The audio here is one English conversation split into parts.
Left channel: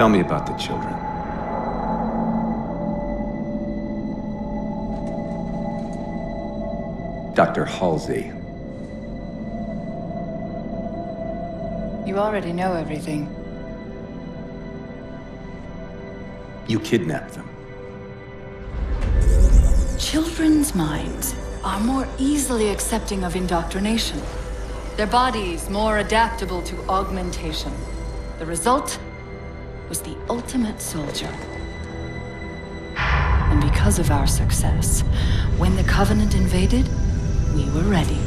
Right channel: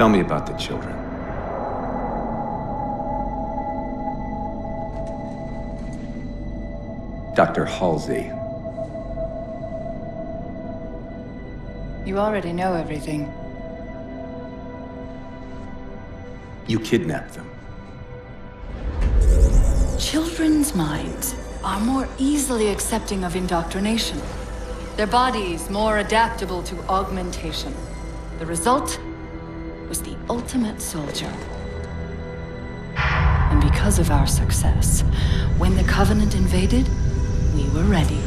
Tell me about the children. Dr. Halsey. You already know everything. You kidnapped them. Children's minds are more easily accepting of indoctrination. Their bodies more adaptable to augmentation. The result was the ultimate soldier. And because of our success, when the Covenant invaded, we were ready.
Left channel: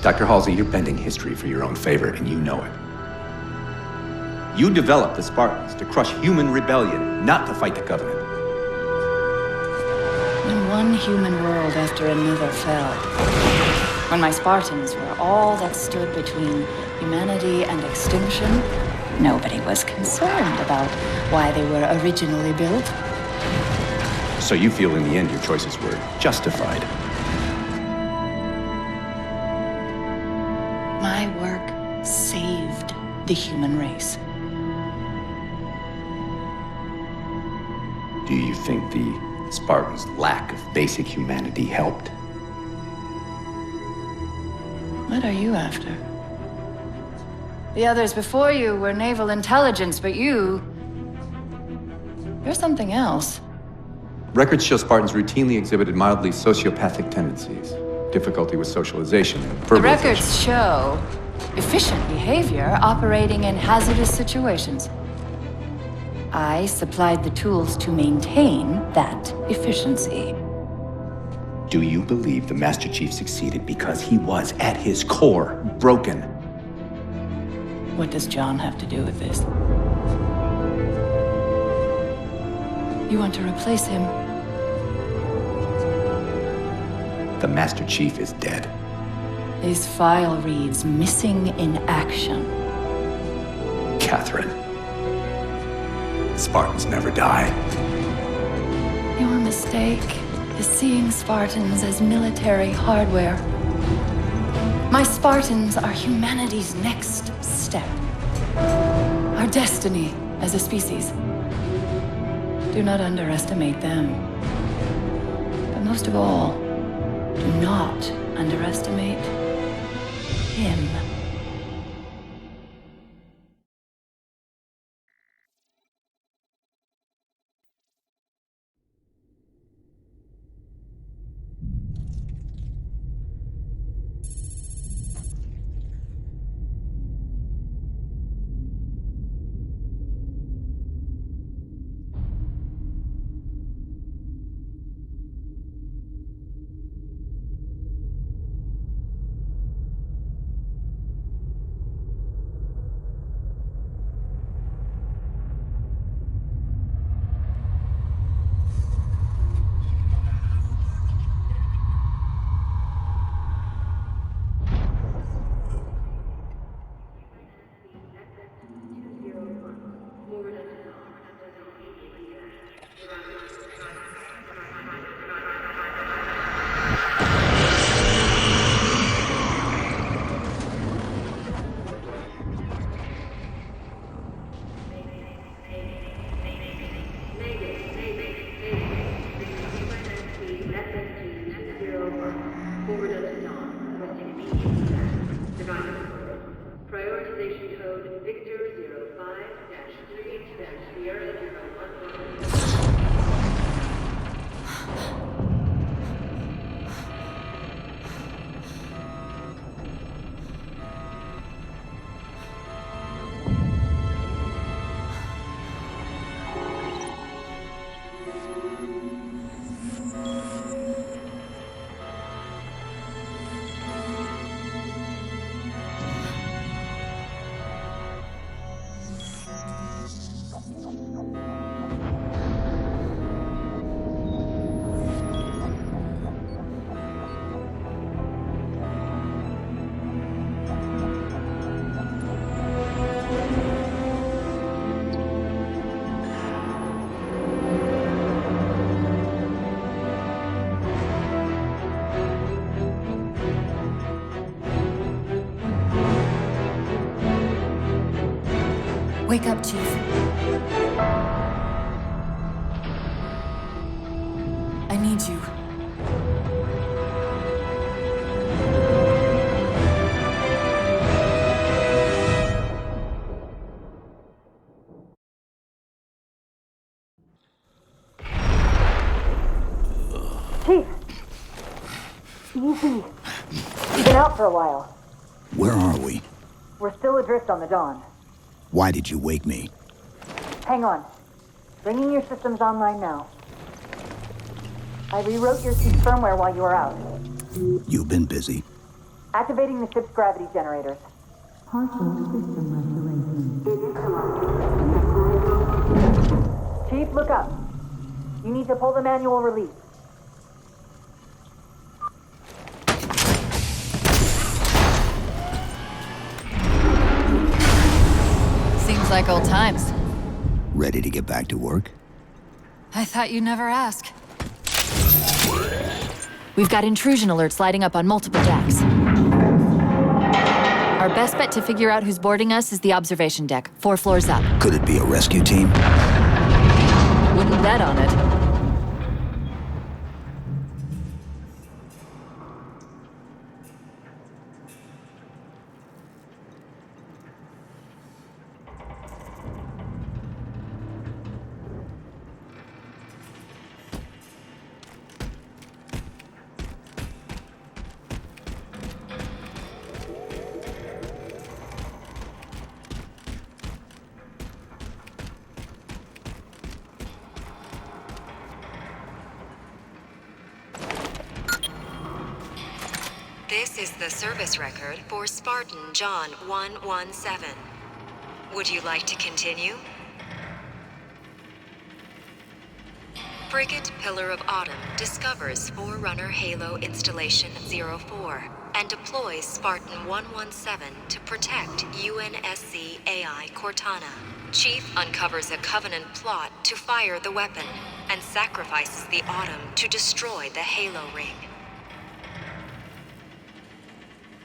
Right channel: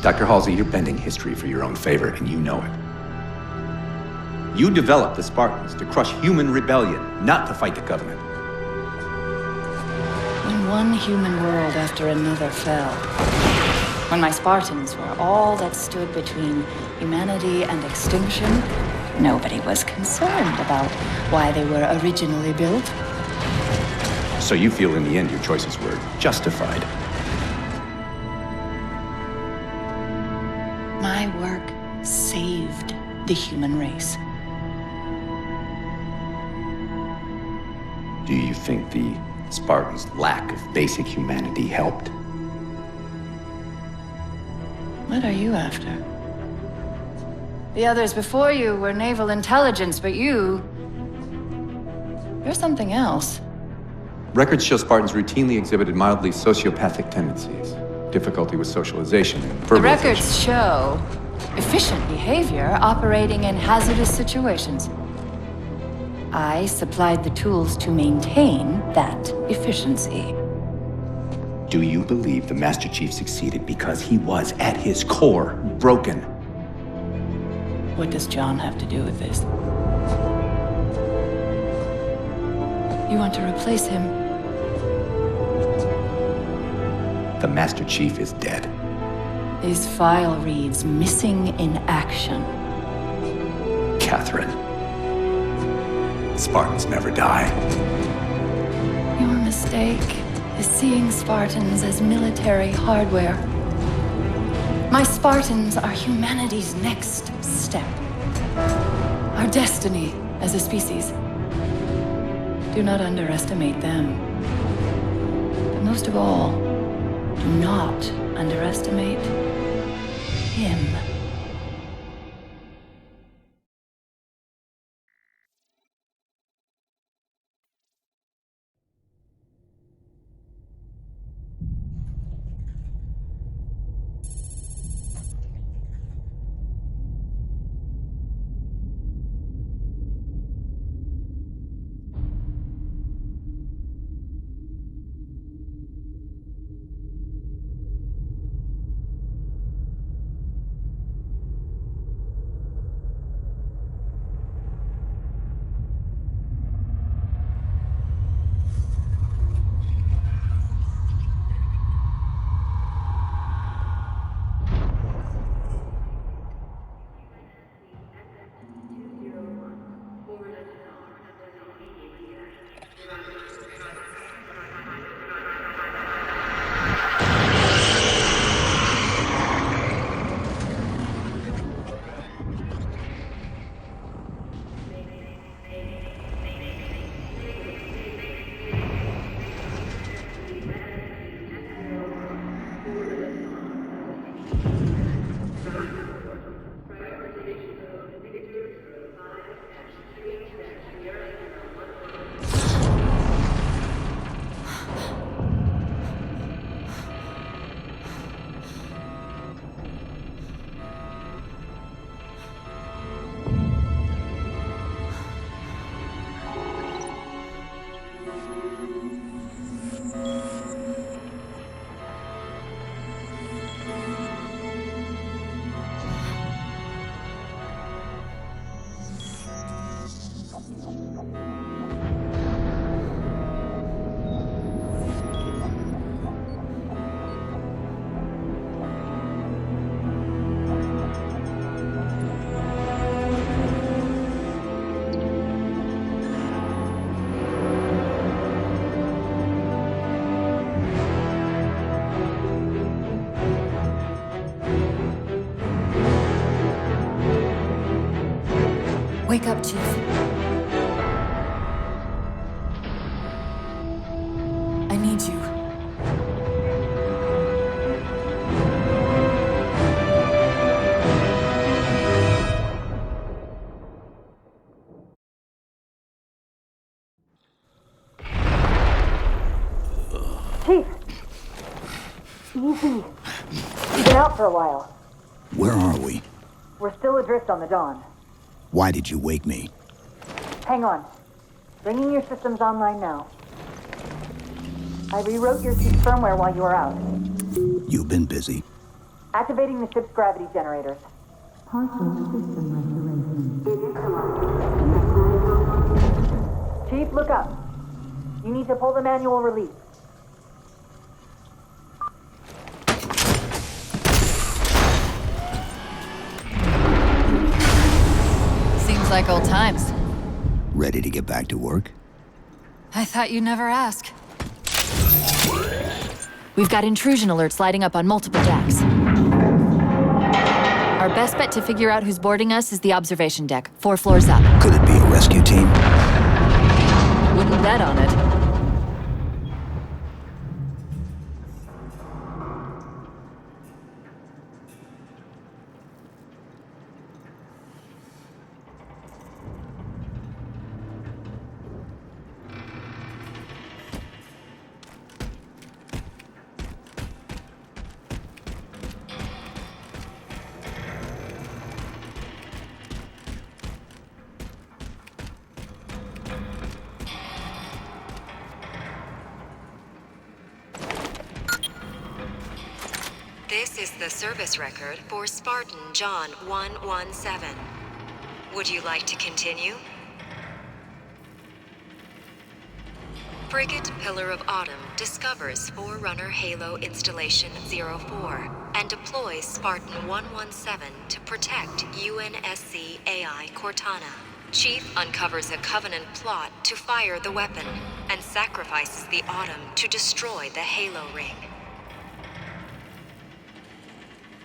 Dr. Halsey, you're bending history for your own favor, and you know it. You developed the Spartans to crush human rebellion, not to fight the Covenant. When one human world after another fell, when my Spartans were all that stood between humanity and extinction, nobody was concerned about why they were originally built. So you feel in the end your choices were justified? My work saved the human race. Do you think the Spartans' lack of basic humanity helped? What are you after? The others before you were naval intelligence, but you're something else. Records show Spartans routinely exhibited mildly sociopathic tendencies, difficulty with socialization and verbalization. The records show efficient behavior operating in hazardous situations. I supplied the tools to maintain that efficiency. Do you believe the Master Chief succeeded because he was, at his core, broken? What does John have to do with this? You want to replace him? The Master Chief is dead. His file reads missing in action. Catherine. Spartans never die. Your mistake is seeing Spartans as military hardware. My Spartans are humanity's next step. Our destiny as a species. Do not underestimate them. But most of all, do not underestimate him. Wake up, Chief. I need you. Chief! Easy. You've been out for a while. Where are we? We're still adrift on the Dawn. Why did you wake me? Hang on. Bringing your systems online now. I rewrote your ship's firmware while you were out. You've been busy. Activating the ship's gravity generators. Chief, look up. You need to pull the manual release. Seems like old times. Ready to get back to work? I thought you'd never ask. We've got intrusion alerts lighting up on multiple decks. Our best bet to figure out who's boarding us is the observation deck, 4 floors up. Could it be a rescue team? Wouldn't bet on it. This is the service record for Spartan John 117. Would you like to continue? Frigate Pillar of Autumn discovers Forerunner Halo Installation 04 and deploys Spartan 117 to protect UNSC AI Cortana. Chief uncovers a Covenant plot to fire the weapon and sacrifices the Autumn to destroy the Halo ring.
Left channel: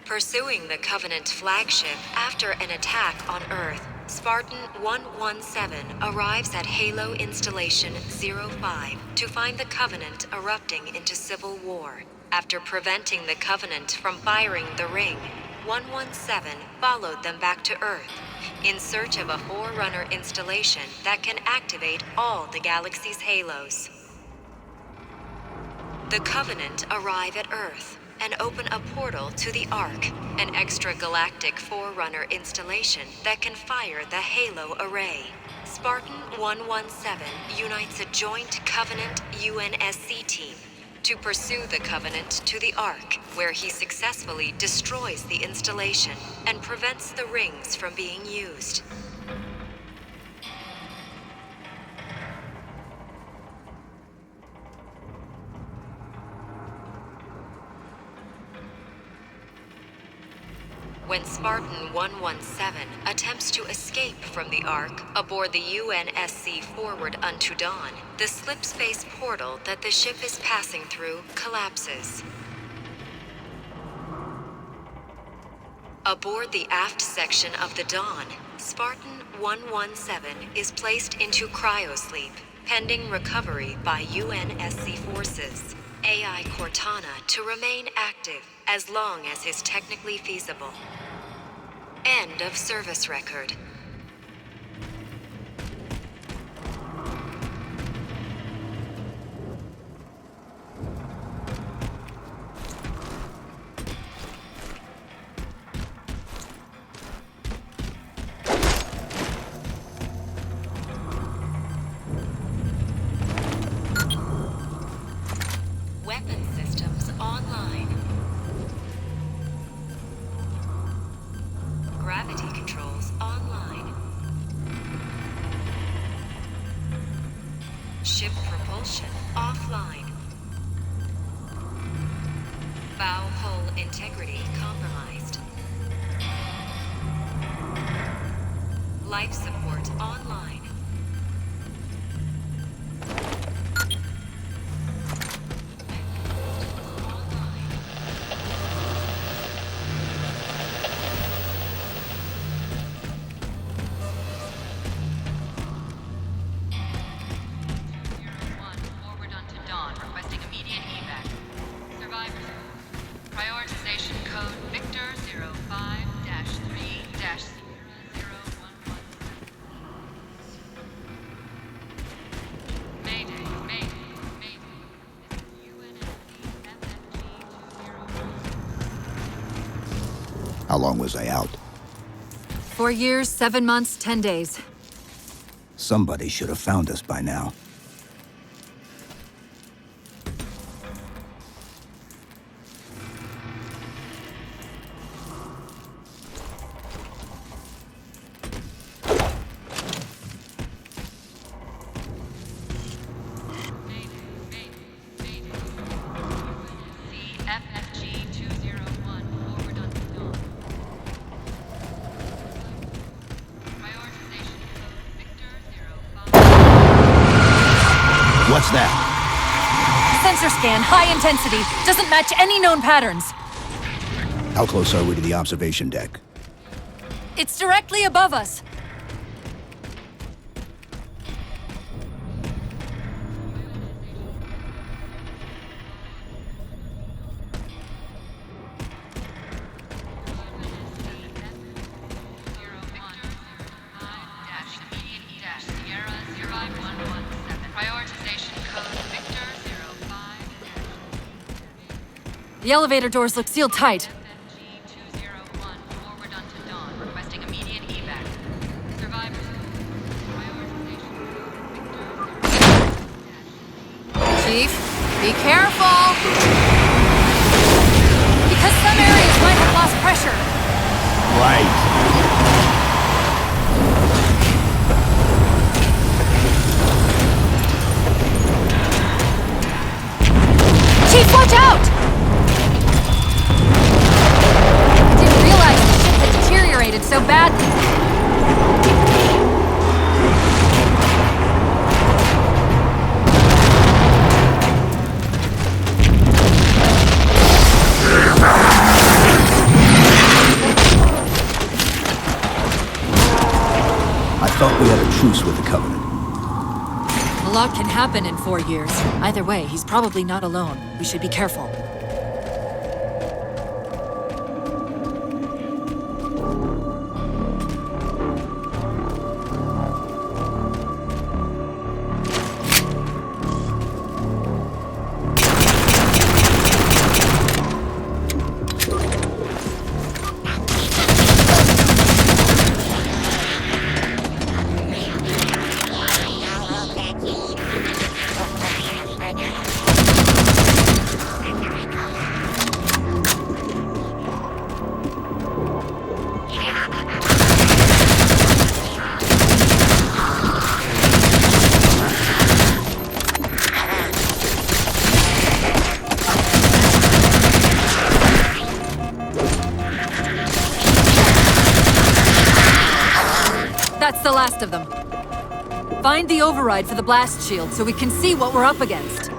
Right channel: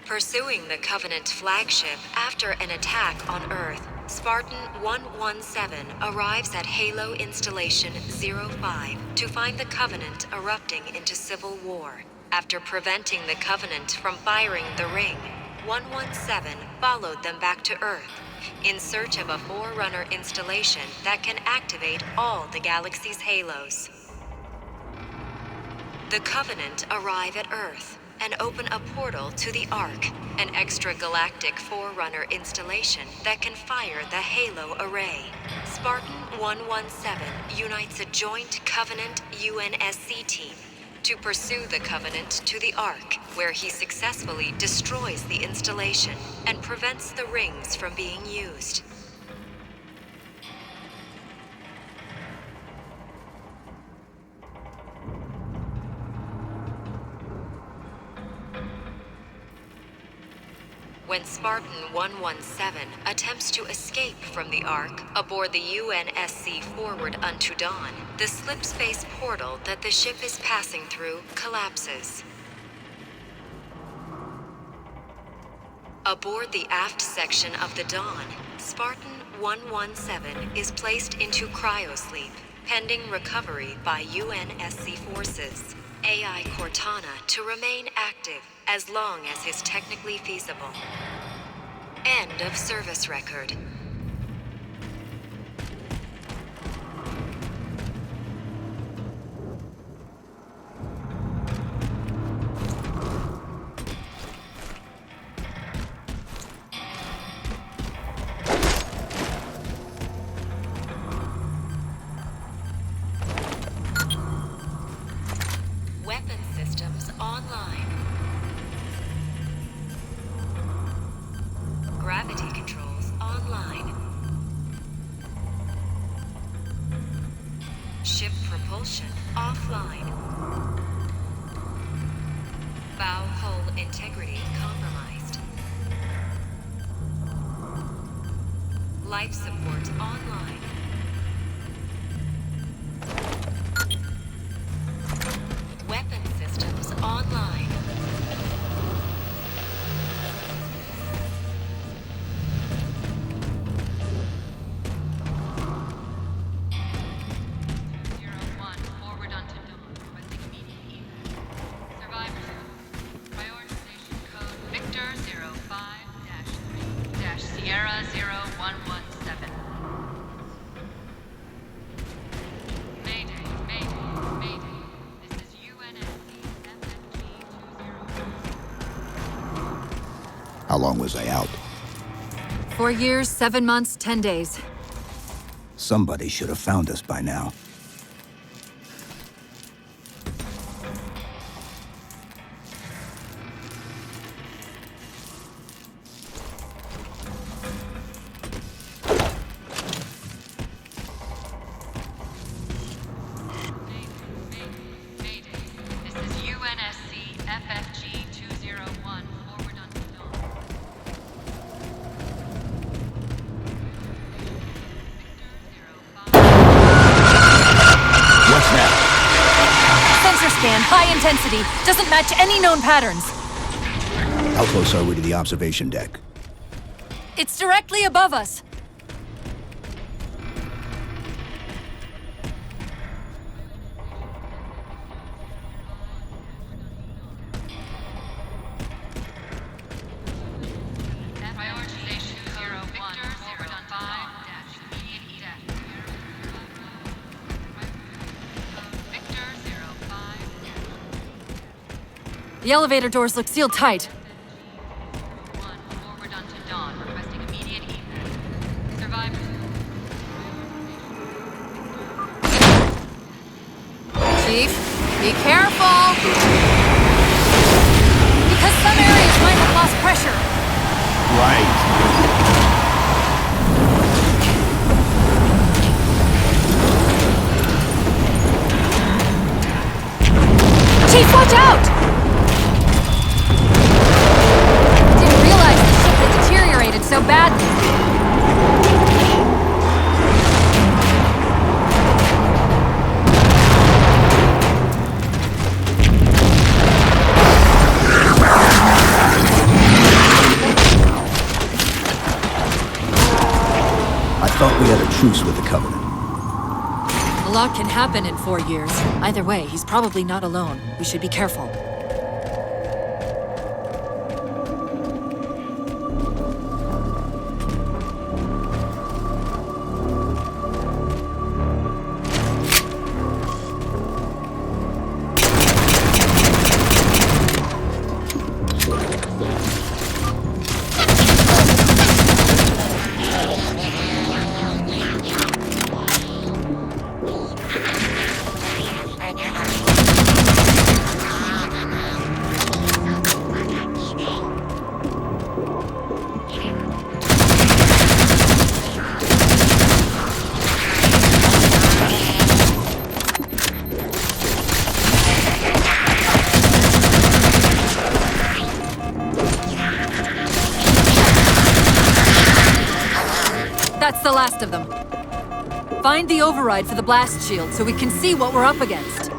Pursuing the Covenant flagship after an attack on Earth, Spartan 117 arrives at Halo Installation 05 to find the Covenant erupting into civil war. After preventing the Covenant from firing the ring, 117 followed them back to Earth in search of a Forerunner installation that can activate all the galaxy's halos. The Covenant arrive at Earth and open a portal to the Ark, an extragalactic Forerunner installation that can fire the Halo array. Spartan 117 unites a joint Covenant UNSC team to pursue the Covenant to the Ark, where he successfully destroys the installation and prevents the rings from being used. When Spartan 117 attempts to escape from the Ark aboard the UNSC Forward Unto Dawn, the slip-space portal that the ship is passing through collapses. Aboard the aft section of the Dawn, Spartan 117 is placed into cryosleep, pending recovery by UNSC forces. AI Cortana to remain active as long as is technically feasible. End of service record. Weapon systems online. Gravity controls online. Ship propulsion offline. Bow hull integrity compromised. Life support online. Weapon systems online. How long was I out? 4 years, 7 months, 10 days. Somebody should have found us by now. What's that? Sensor scan, high intensity. Doesn't match any known patterns. How close are we to the observation deck? It's directly above us. The elevator doors look sealed tight. 201, forward onto Dawn, requesting immediate evac. Chief, be careful! Because some areas might have lost pressure. Right. Chief, watch out! Didn't realize the ship had deteriorated so badly. I thought we had a truce with the Covenant. A lot can happen in 4 years. Either way, he's probably not alone. We should be careful. That's the last of them. Find the override for the blast shield so we can see what we're up against.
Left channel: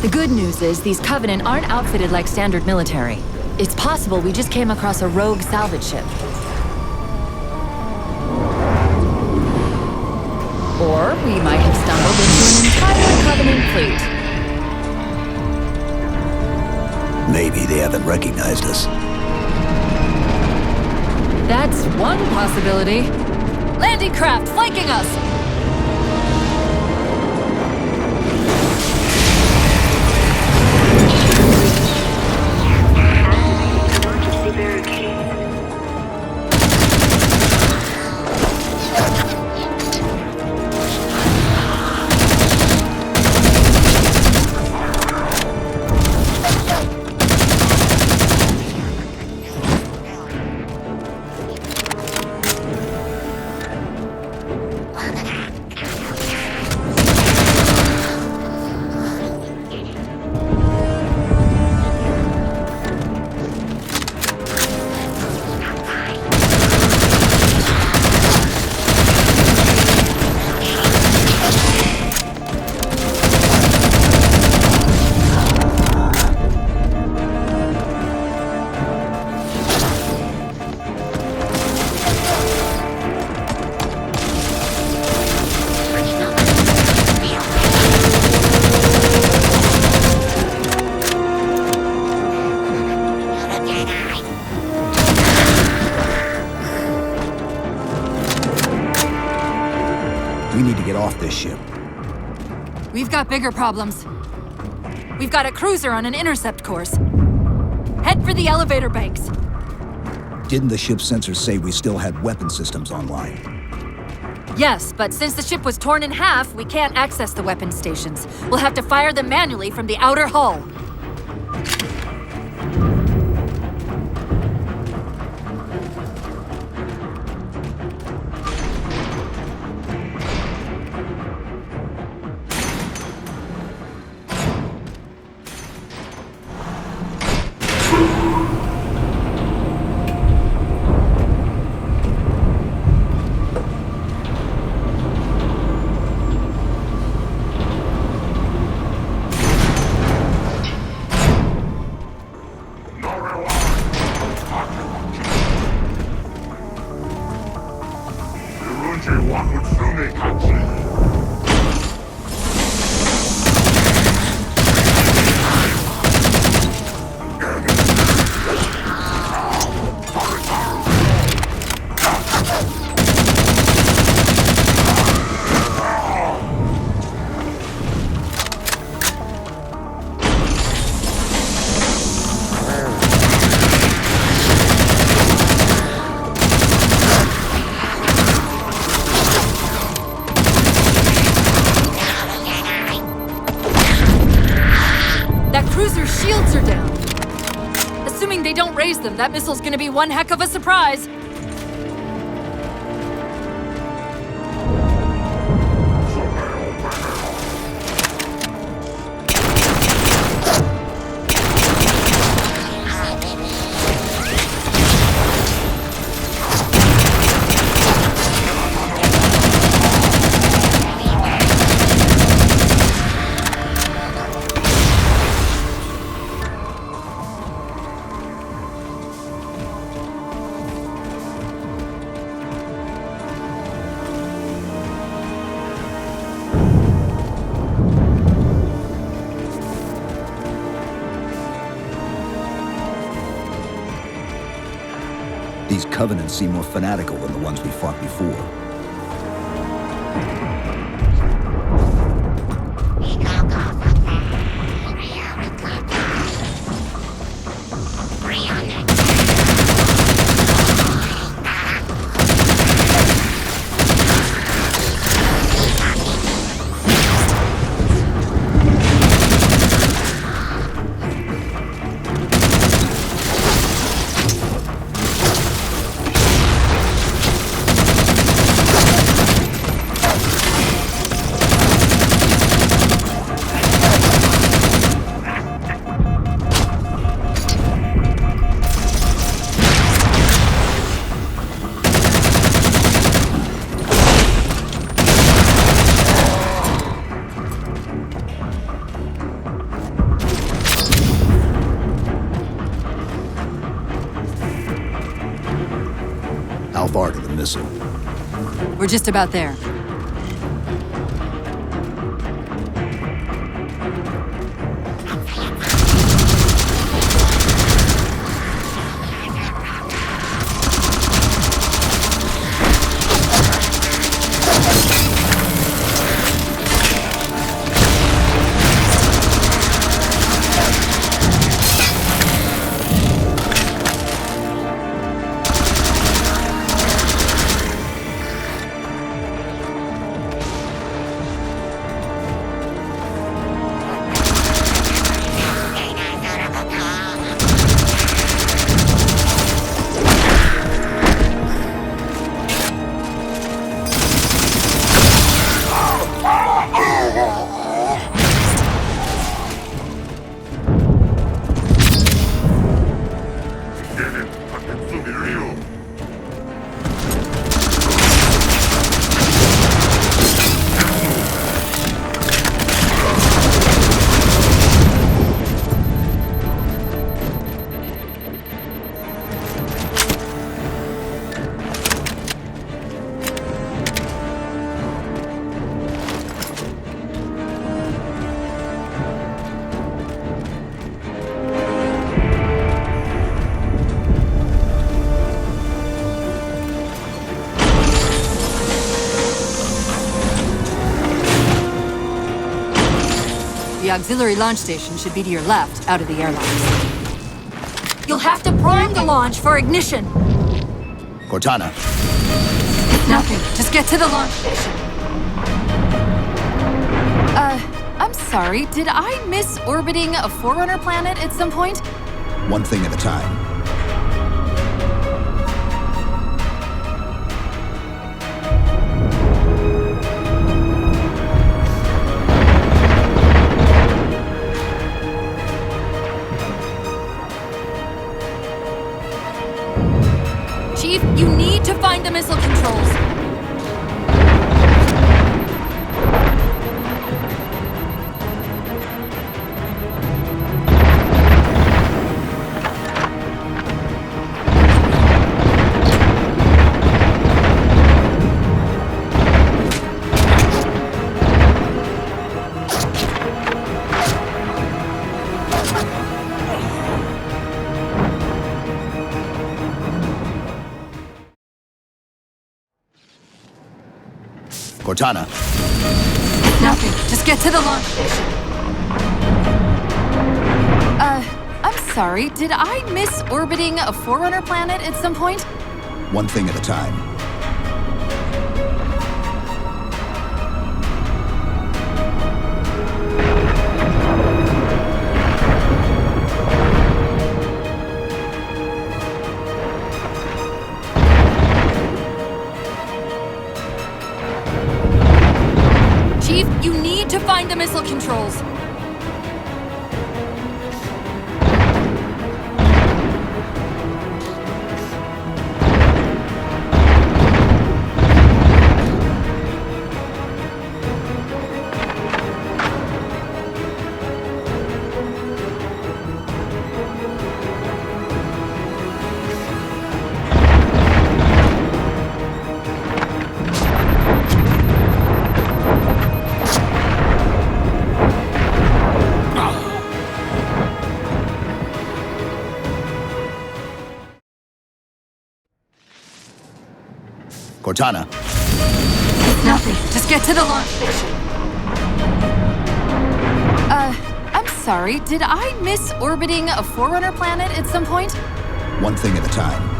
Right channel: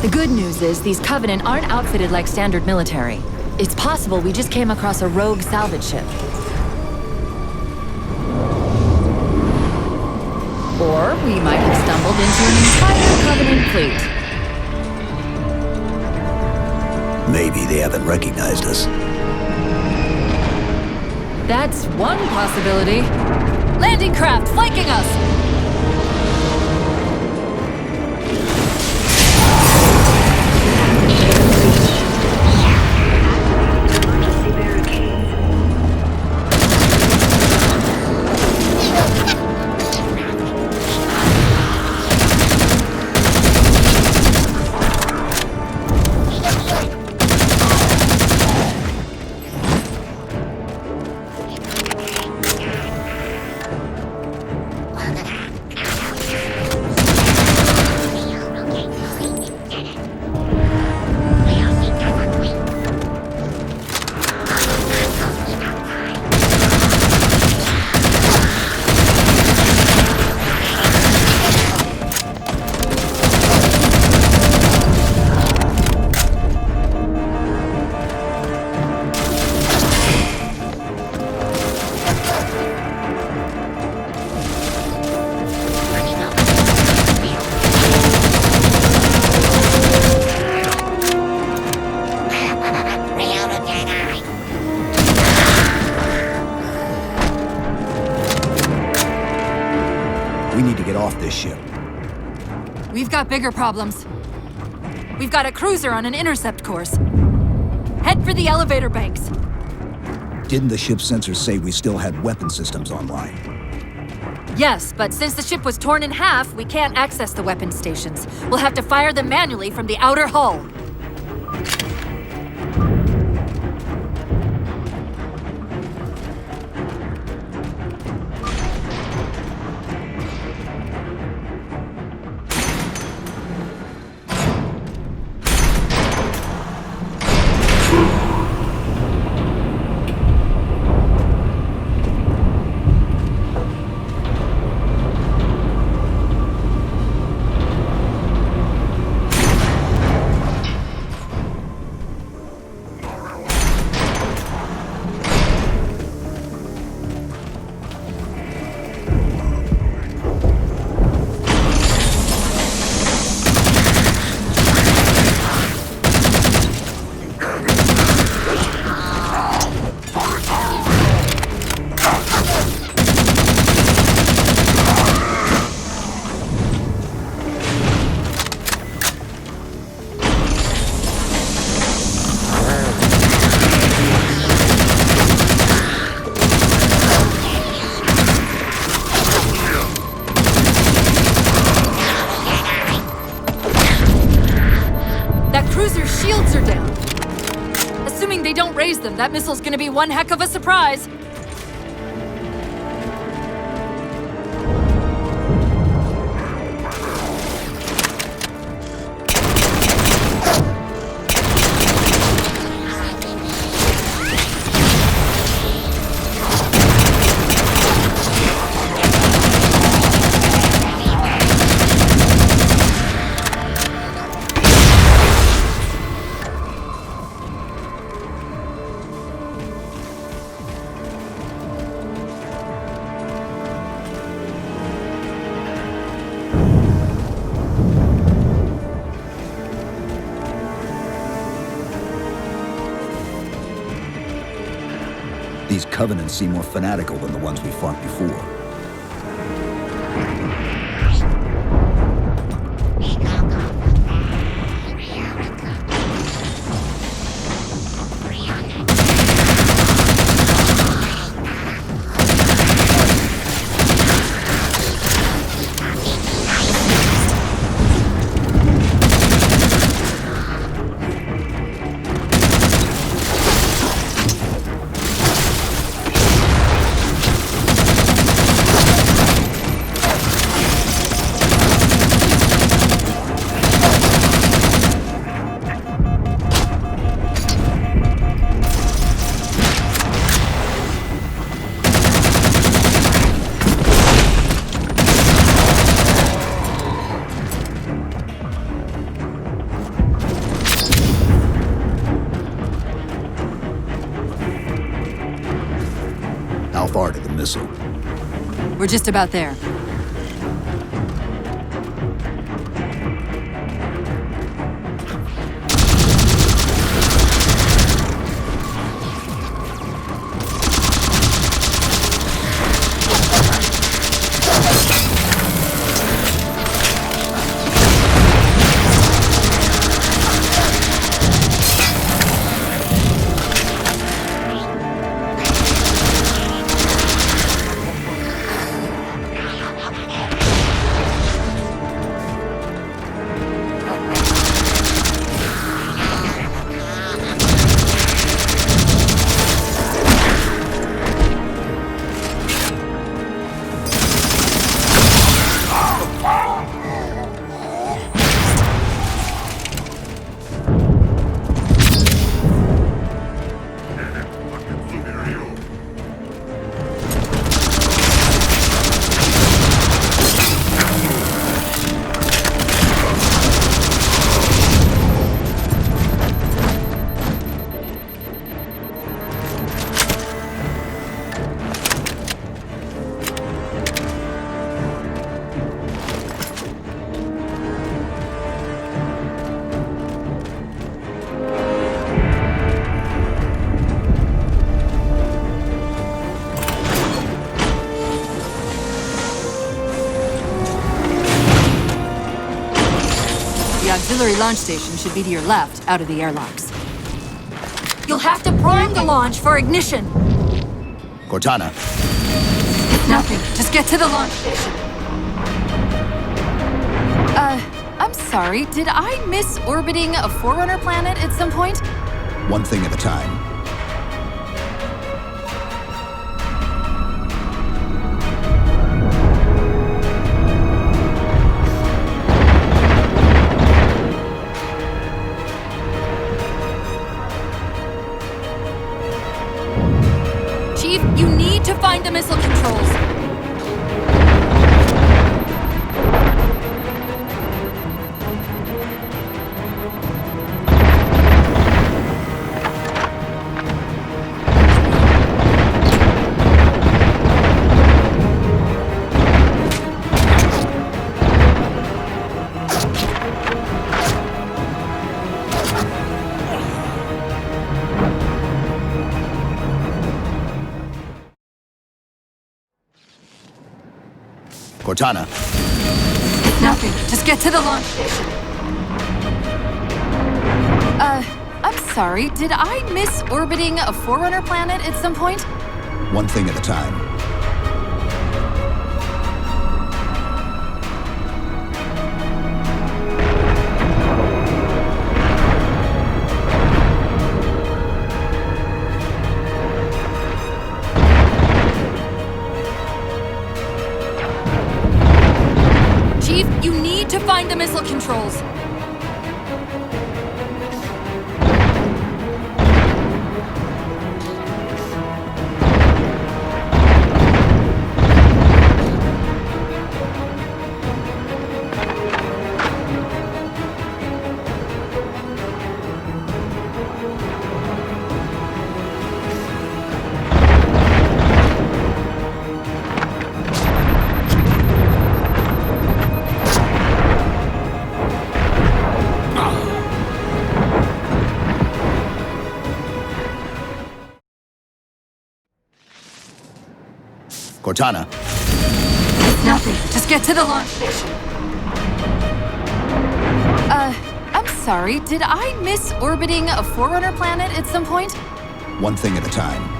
The good news is these Covenant aren't outfitted like standard military. It's possible we just came across a rogue salvage ship. Or we might have stumbled into an entire Covenant fleet. Maybe they haven't recognized us. That's one possibility. Landing craft flanking us! We need to get off this ship. We've got bigger problems. We've got a cruiser on an intercept course. Head for the elevator banks. Didn't the ship's sensors say we still had weapon systems online? Yes, but since the ship was torn in half, we can't access the weapon stations. We'll have to fire them manually from the outer hull. Cruiser's shields are down. Assuming they don't raise them, that missile's gonna be one heck of a surprise. These Covenants seem more fanatical than the ones we fought before. How far to the missile? We're just about there. The auxiliary launch station should be to your left, out of the airlocks. You'll have to prime the launch for ignition. Cortana, Nothing. Just get to the launch station. I'm sorry. Did I miss orbiting a Forerunner planet at some point? one thing at a time. Chief, you need to find the missile controls. Cortana, Nothing. Just get to the launch station. I'm sorry. Did I miss orbiting a Forerunner planet at some point? one thing at a time. Chief, you need to find the missile controls. Cortana, Nothing. Just get to the launch station. I'm sorry. Did I miss orbiting a Forerunner planet at some point? one thing at a time.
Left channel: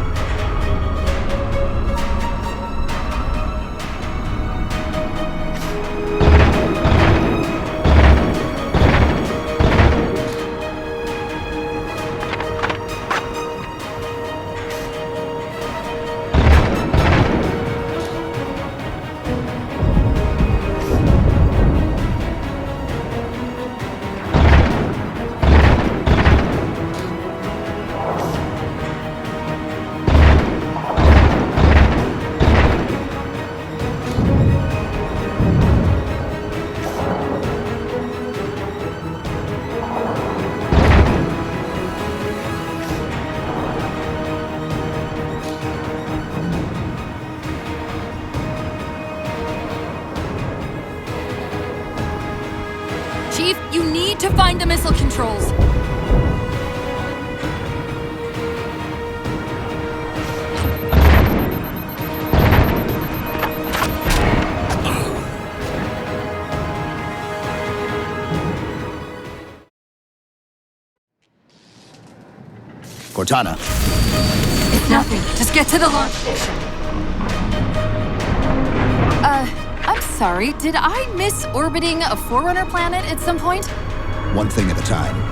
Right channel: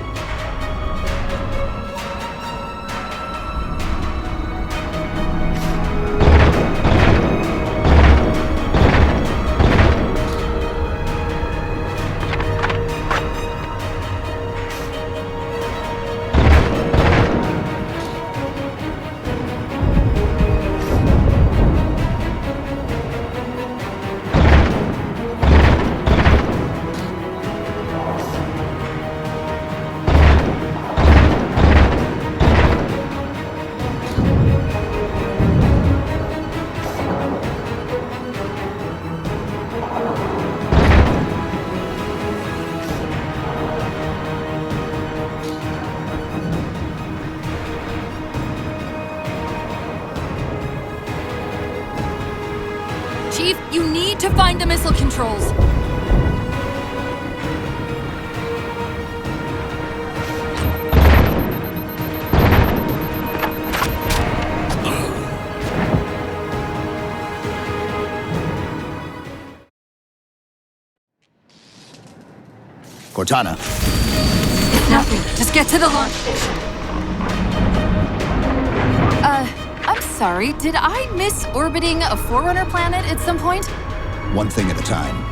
Chief, you need to find the missile controls. Cortana, Nothing. Just get to the launch station. I'm sorry. Did I miss orbiting a Forerunner planet at some point? one thing at a time.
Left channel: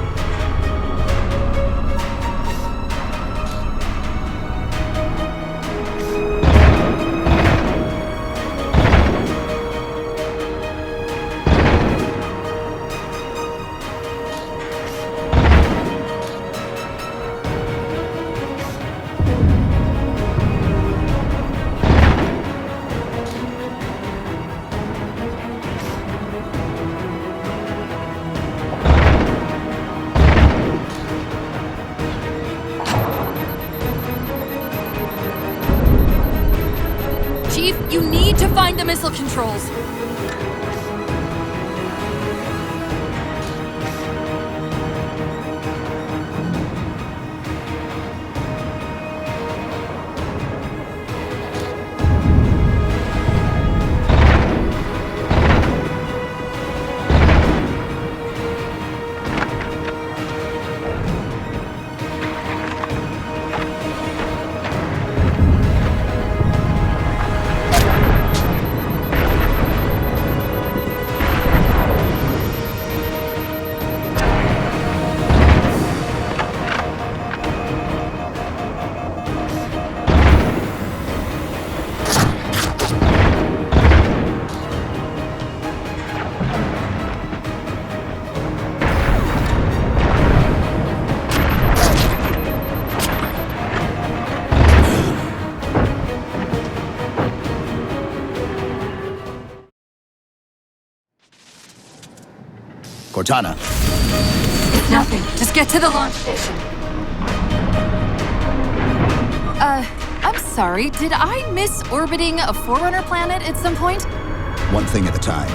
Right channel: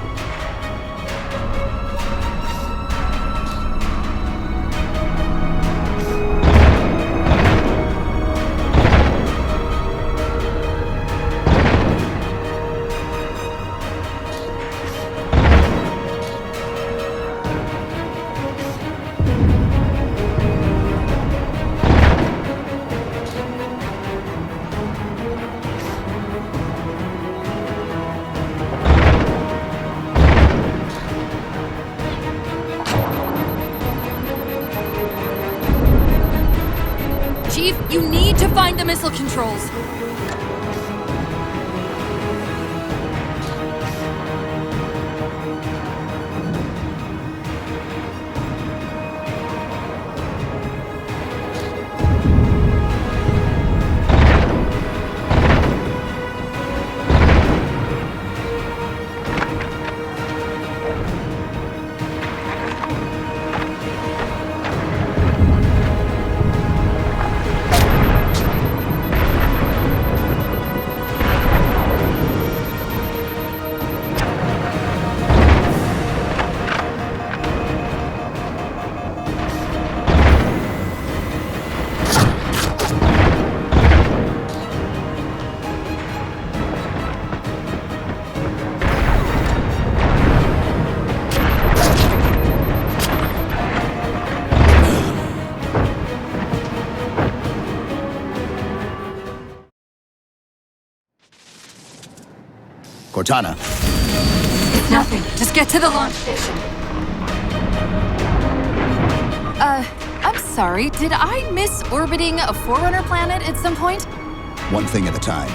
Chief, you need to find the missile controls. Cortana, Nothing. Just get to the launch station. I'm sorry. Did I miss orbiting a Forerunner planet at some point? one thing at a time.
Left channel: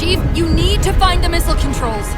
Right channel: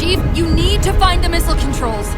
Chief, you need to find the missile controls.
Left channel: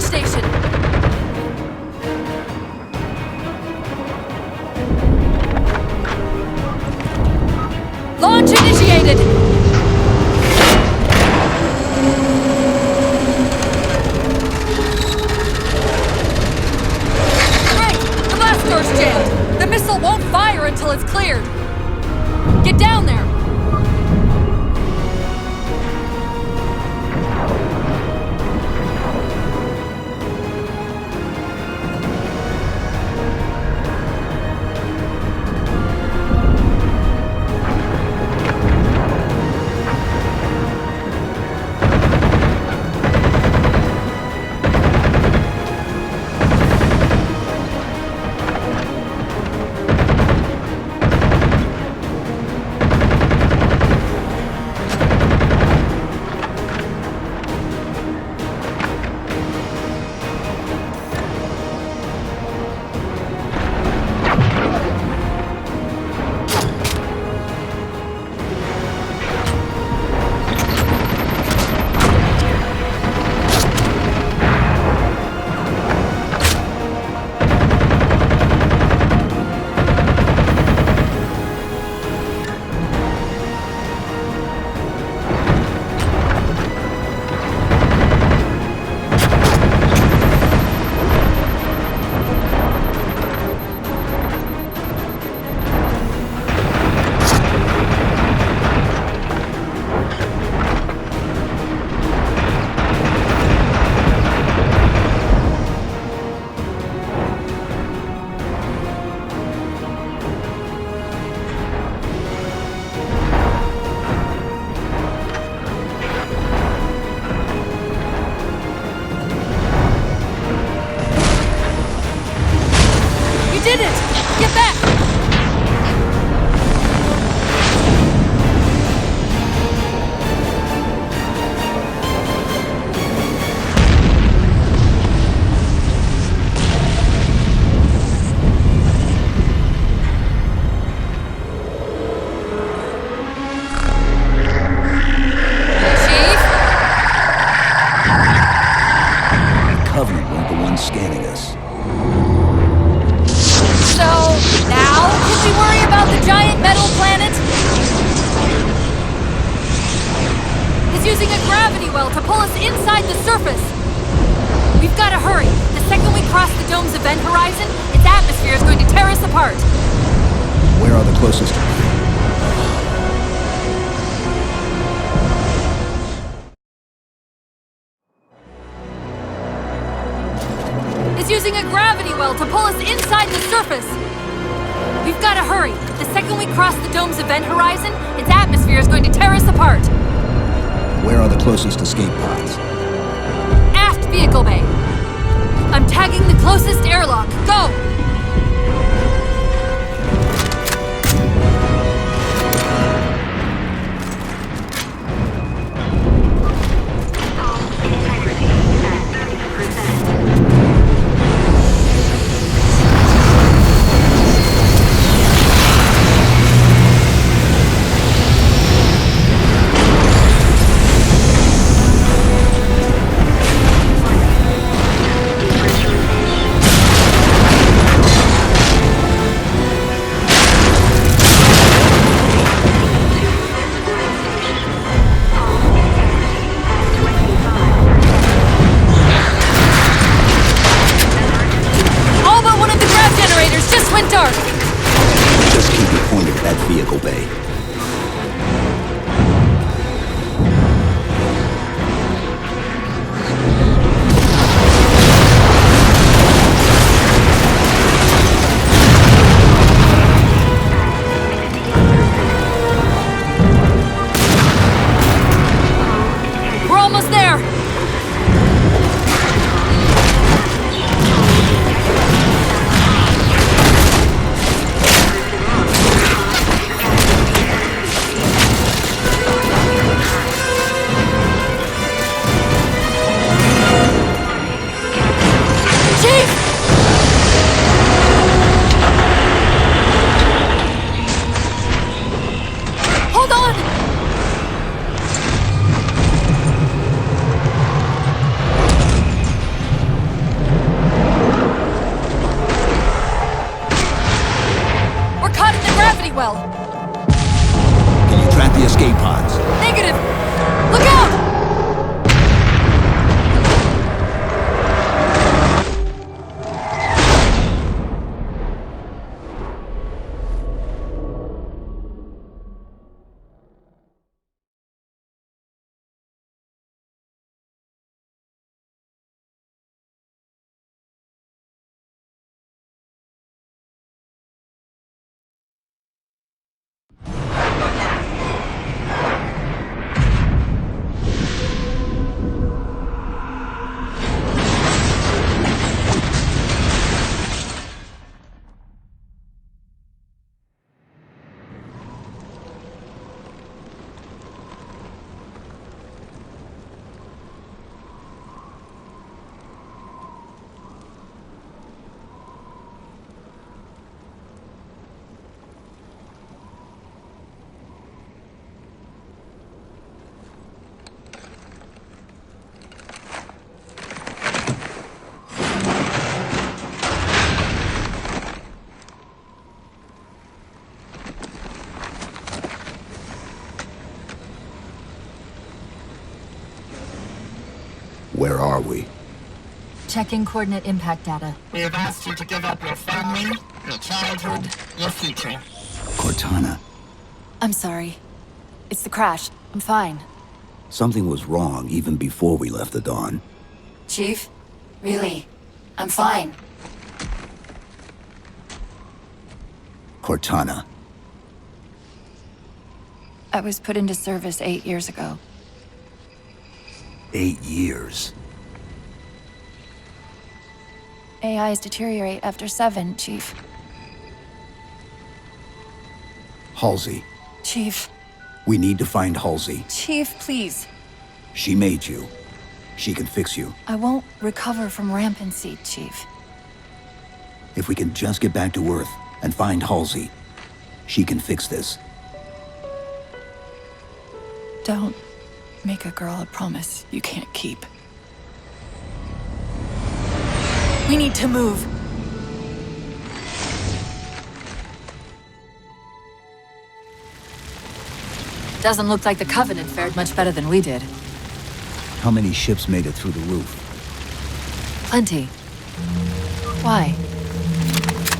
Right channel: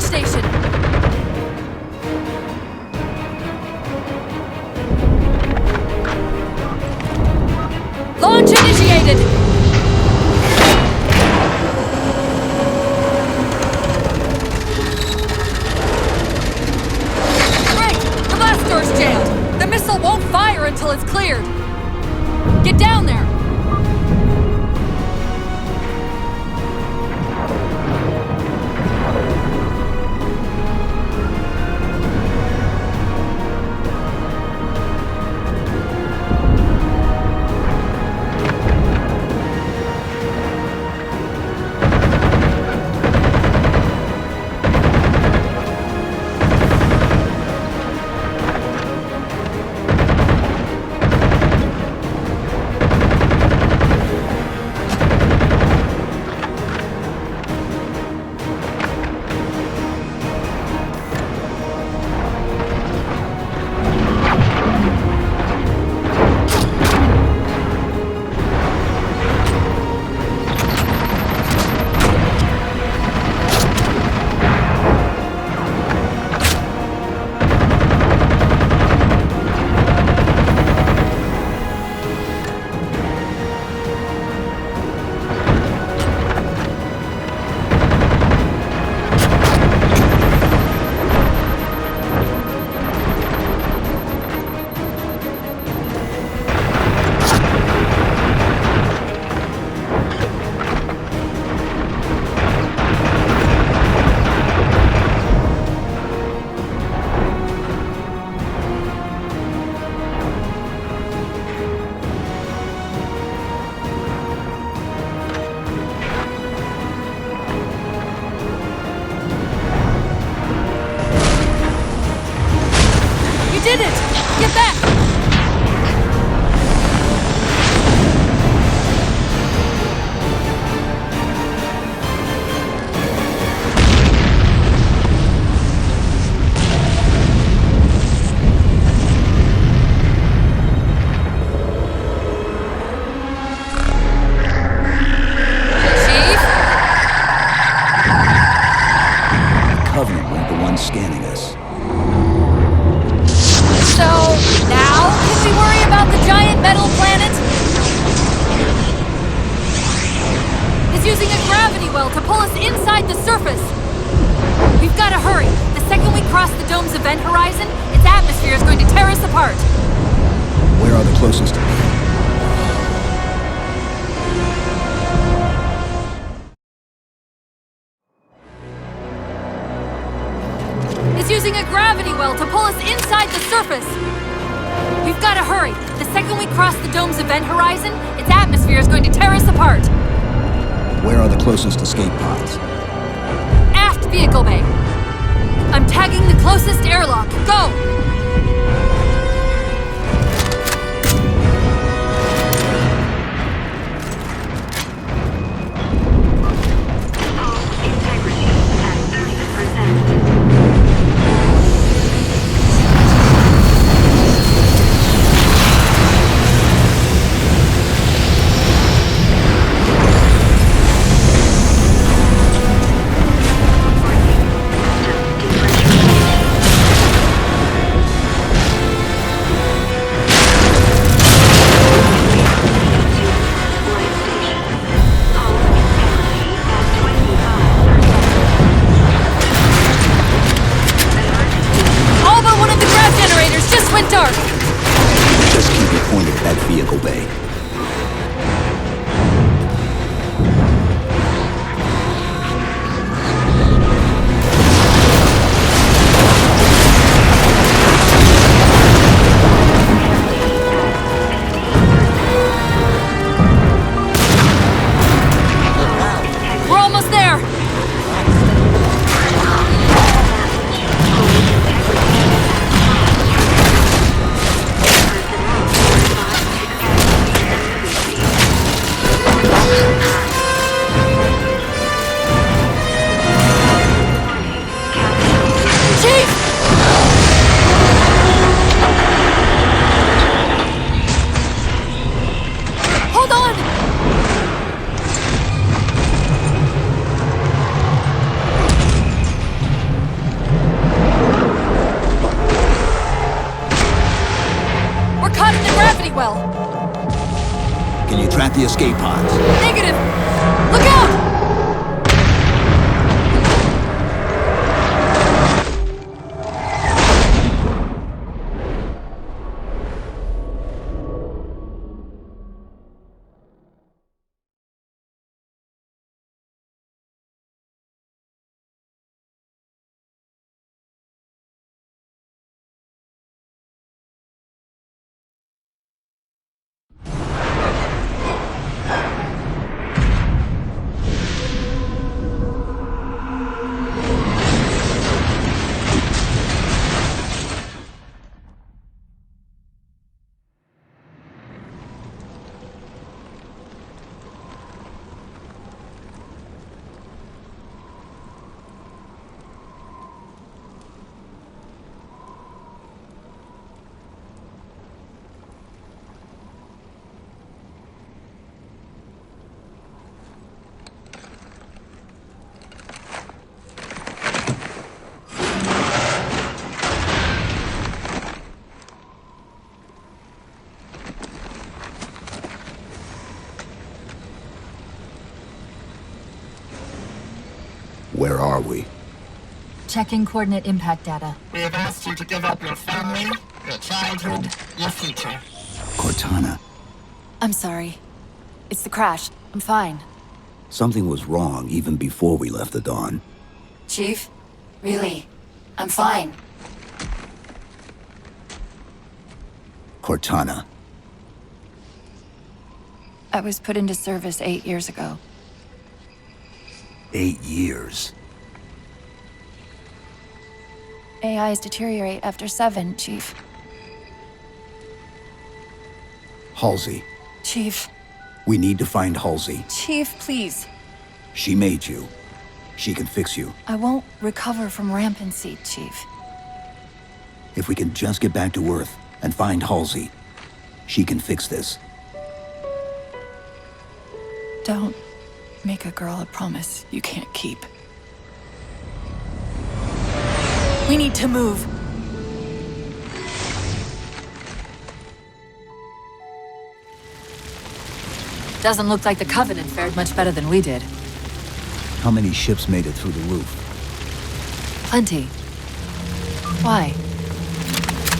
Station. Launch initiated. Great! The blast door's jammed. The missile won't fire until it's cleared. Get down there. So, now can we worry about the giant metal planet? It's using a gravity well to pull us inside the surface. We've got to hurry. The second we cross the dome's event horizon, its atmosphere is going to tear us apart. Where are the closest? It's using a gravity well to pull us inside the surface. We've got to hurry. The second we cross the dome's event horizon, its atmosphere is going to tear us apart. Where are the closest escape pods? Aft vehicle bay. I'm tagging the closest airlock. Go! Hull integrity at 30%. Dark! Just keep it pointed at that vehicle bay. We're almost there! Hold on! We're caught in the gravity well. Can you track the escape pods? Negative! Look out! Where are we? Checking coordinate impact data. We have asked you to give up your family, your childhood, your future. Cortana. I'm sorry. It's the crash. I'm fine. Something was wrong even before we left the Dawn. Chief, really, I'm fine. Cortana. I was put into service 8 years ago. 8 years. AIs deteriorate after 7, Chief. Halsey. Chief. We need to find Halsey. Chief, please. She made you. She can fix you. I won't recover from rampancy, Chief. If we can just get back to Earth and find Halsey, she can fix this. Don't make a girl a promise you can't keep. We need to move. Doesn't look like the Covenant fared much better than we did. How many ships made it through the roof? Plenty. Why?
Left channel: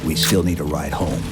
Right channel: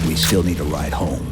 We still need a ride home.